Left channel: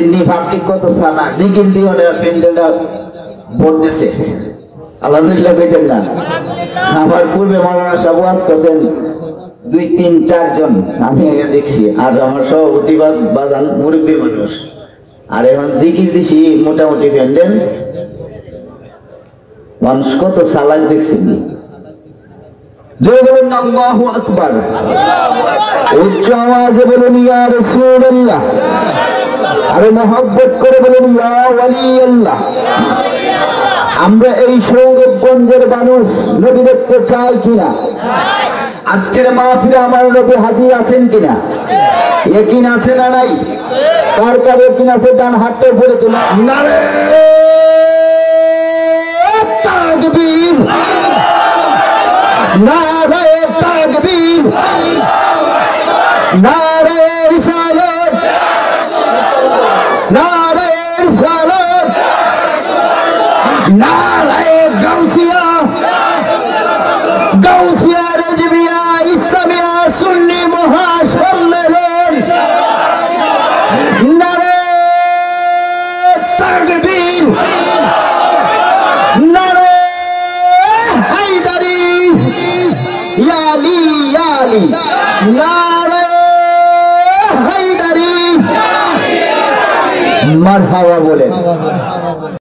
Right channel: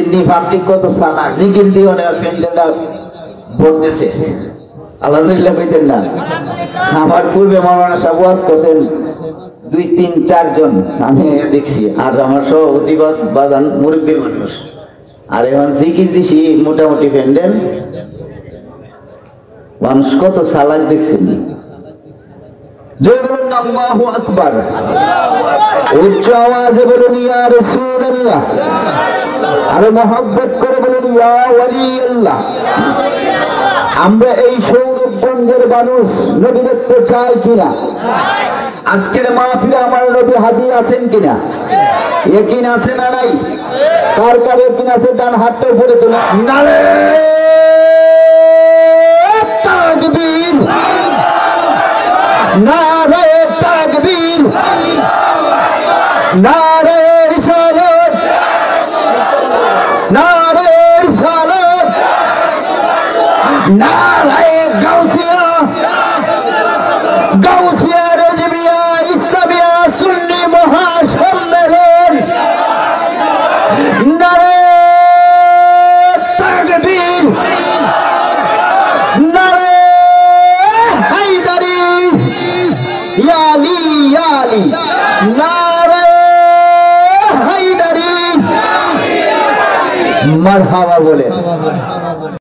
Sydney ফার্সি কত সালা জিকির দিও না পেন্ডেলটা বলতেছে আলহামদুলিল্লাহ কইতেন না আমার পূর্বে মাওলানা সাহেব ওয়াজ করেন 2 3 4 জন আমি দেখছি আর আমার সভাপতি বাদান মুরব্বি মানুষ আর এখন জিকির দিছি মোটামুটি পেন্ডেল মানুষ কত সালাক দেখছেন জয় বলুন আল্লাহু আকবার উচ্চ আওয়াজে বলুন ইয়া রাসূলুল্লাহ আর মহব্বত করে বলুন ইয়া ওয়ালি আল্লাহ আমরা এই সৌরভগঞ্জের মানুষ নবী দেখতে চাই কিনা আজকের মাহফিলে আমার নবী হাজির আছেন কিনা ইয়াকিন আছে না নাই কার কার ইয়াকিন আছে ডান হাতটা উপরে তুলুন নারে তাকবীর নারে তাকবীর নারে রিসালাত নারে রিসালাত নারে গাউসিয়া গাউসিয়া রেজবিয়া ইসলামিয়া সুন্নি মহাসম্মেলন নারে তাকবীর নারে হায়দারি ইয়ালি ইয়ালি নারে হায়দারি মারহাবা বলে